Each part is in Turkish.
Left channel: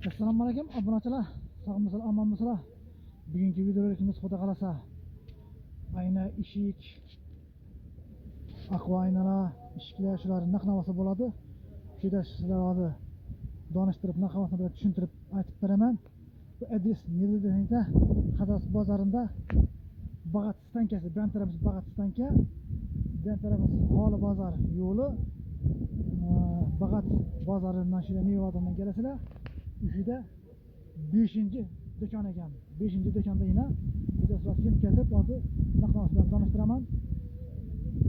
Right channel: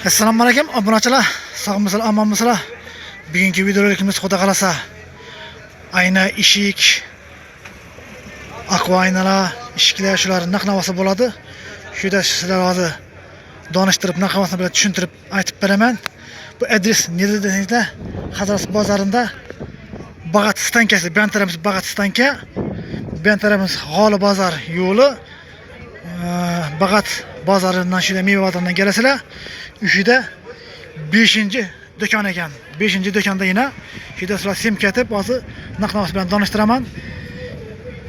Assalomu alaykum obunachilar, sog'misizlar, omonmisizlar? Bugungi videolarimiz xudo qalasa ayna eshik, aqua aynalar, eshiklar shular naqnavasi bo'ladi. Shunda sizlar hozir donishtirib, naqnavasini bilan tushuntirib aytib beraman. Bu adres neda desangizlar, Hazrat bozorida Bag'at stankasi, bu tarafimiz Bag'at stanka, bu tarafimiz G'oli bozor yo'li. Bag'at bozoridan shunda meva bozoridan kelasizlar. Üşüde 5. dükkan ekan. 5. dükkanda yine şurada sizlar sim ketib, hozir naqnavasi bilan donishtiraman.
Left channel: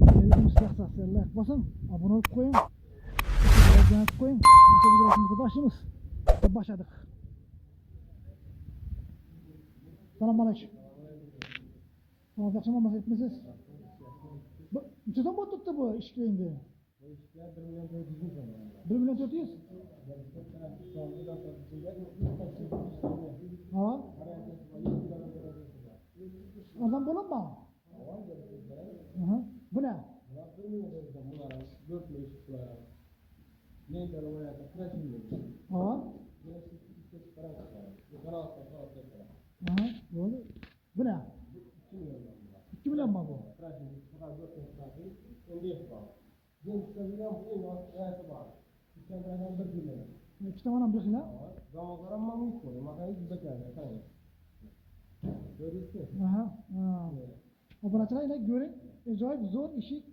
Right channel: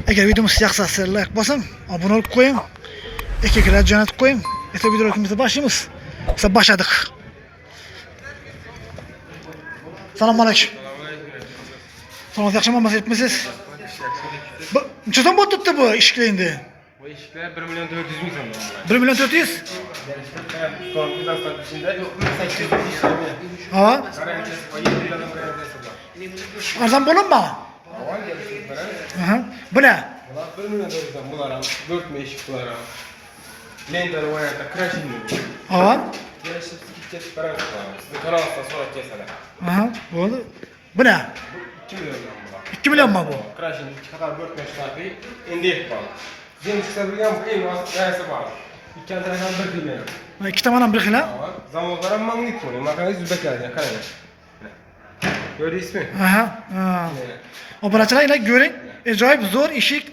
Agar videomiz yoqsa, sizlar like bosing, obuna bo'lib qo'ying, aka-ukalarga jo'natib qo'ying. Esa videolarimizni boshlaymiz. Biz boshladik. Assalomu alaykum. Salomat yaxshimi, mazayibmisiz? Bu nechadan bo'tibdi bu eshiklar endi? Bu eshiklar 1 million 400 ming so'm. 1 million 400? Ha? Arzon bo'ladimi? Aha. Bu ne? Bular 1 million 400 so'm. Bular ham 4 ming eshik bular ham. Lendar variantda crashing. Ha? Kelishib ketib baramiz. Sizni kanalda so'rab kelsalar. Aha, bo'ldi. Bu ne? 2 million so'm bular. 2 million mi bu? Crashing qator 4 ming shtabi endi bor. Yeni chiqarilgan bu eng asosiysi bor. Ikki tarafdan bir xil. İki tomondan bir xil. Zamonlar ham magnit bor. Maqangiz uzbeklarga qarang. Ko'rdingizmi? Aha. Obunachilar ila ko'ring. Ajoyib zo'r eshik.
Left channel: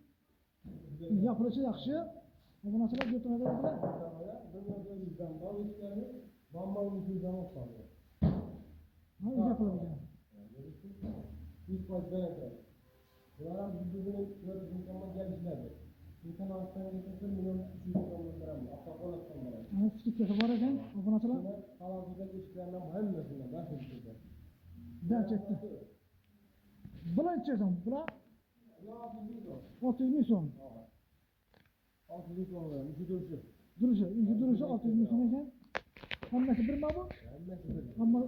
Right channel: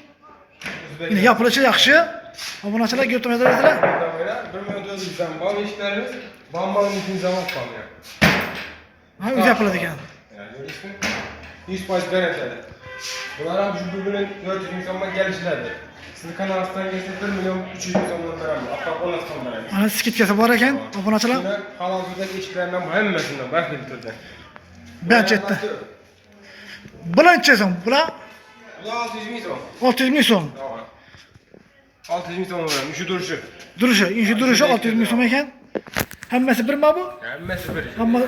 Yine yapılışı yaxshi. Obunachilar ko'rmaydilar. 1 million 400 dan bor eshiklarimiz. Bambangizni zamon qolgan. Ha, o'zi yapıladi ekan. Ko'rdingizmi? 100% garantiyali. Bular ham shu 1 million 400 ming so'mga kelishlardi. Sizni kanalingizdan kelsa 1 million 300 ming so'mdan beramiz. Apaq 10 so'm beramiz. Ana skitkasi bor ekan, obunachilar. Halol turdagi eshiklardan hammasidan barxil turdi. Benchetdi. Bulancha so'm, bular 600 ming so'm. 600 ming so'm. 600 ming so'm beramiz. Shu turishi. Durishi 600 ming so'm ekan. Hammasi birmi bu? Hammasi bir.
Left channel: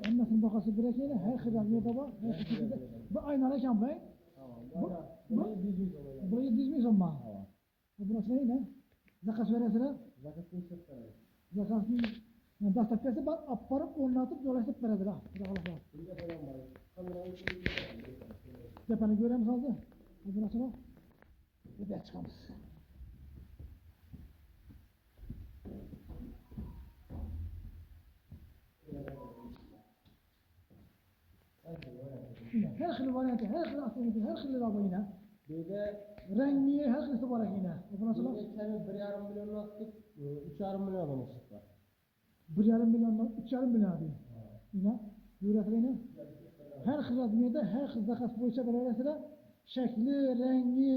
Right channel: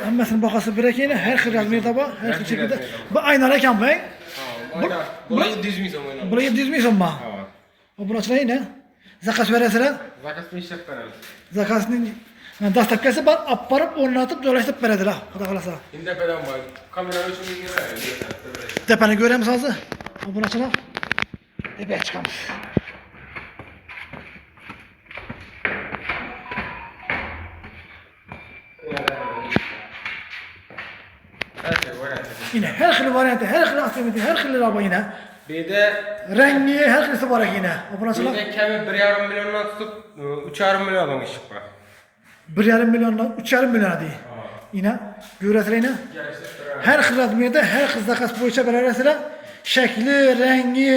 Hammasini bahosi bir ekan, har xil razmerda bor, har xil shaklda. Bu aynar ekan bu. Bular 700 ming so'm o'ynaydi. Bular 700 ming so'mmi? Obunachilar ne? Zakaz berasizlar? Zakasni ishlab beramiz. Zakazning dastlabkasi bor, olib borib o'rnatib joylashtirib beradilar, xudo xolasa. Endi qadam bor. Kamera uchun beramiz. Tepani ko'ramiz hozir. Obunachilar. Tepaga chiqamiz. Yine her xil varianti, her xil asymmetri, her xil bor yine. Beda Rengi her xilisi bor ekan yine. Obunachilar. beda kami 1,5 milliondan tutib 3,5 milliondan ish bor. 1,5 milliondan 3,5 million deydi. Yine görüyorsunuz yine. Her xil razmerda, her xil zakaz bo'yicha berasizlar. Shakli, rengi,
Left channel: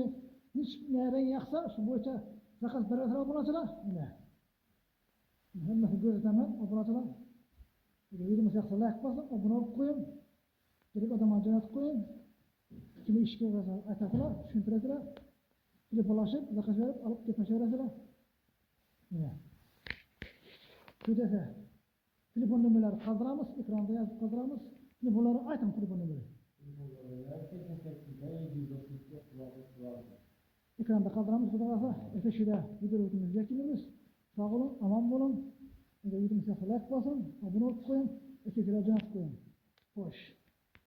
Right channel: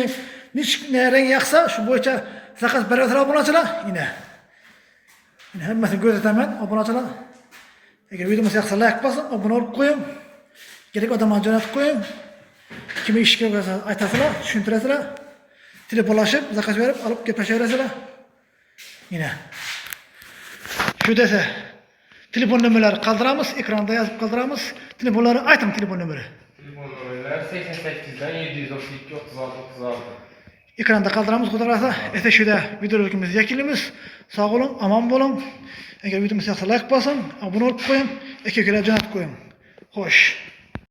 ne rengi yoqsa, shu bo'yicha zakaz berasizlar obunachilar. Yine hammasini ko'rsataman obunachilar. Agar videomiz yoqsa like bosing, obuna bo'lib qo'ying. Kerak odamlarga jo'natib qo'ying. Kim ishga bo'lsa aytasizlar, tushuntirasizlar. Telefonlashib, zakaz berib, olib gaplashaverasizlar. Yine shu desa telefon nomerlari qoldiramiz, ekranda yozib qoldiramiz. Telefonlari ayting, telefon nomeri. Telefon nomerlari 88 dan 732 36 36. Ekranda qoldiramiz, xudo xolasa. Esa shuda videolarimizni yakunlaymiz. Sog' bo'ling, omon bo'ling. Agar videomiz yoqsa like bosing, obuna bo'lib qo'ying, aka-ukalarga jo'natib qo'ying. Xo'sh.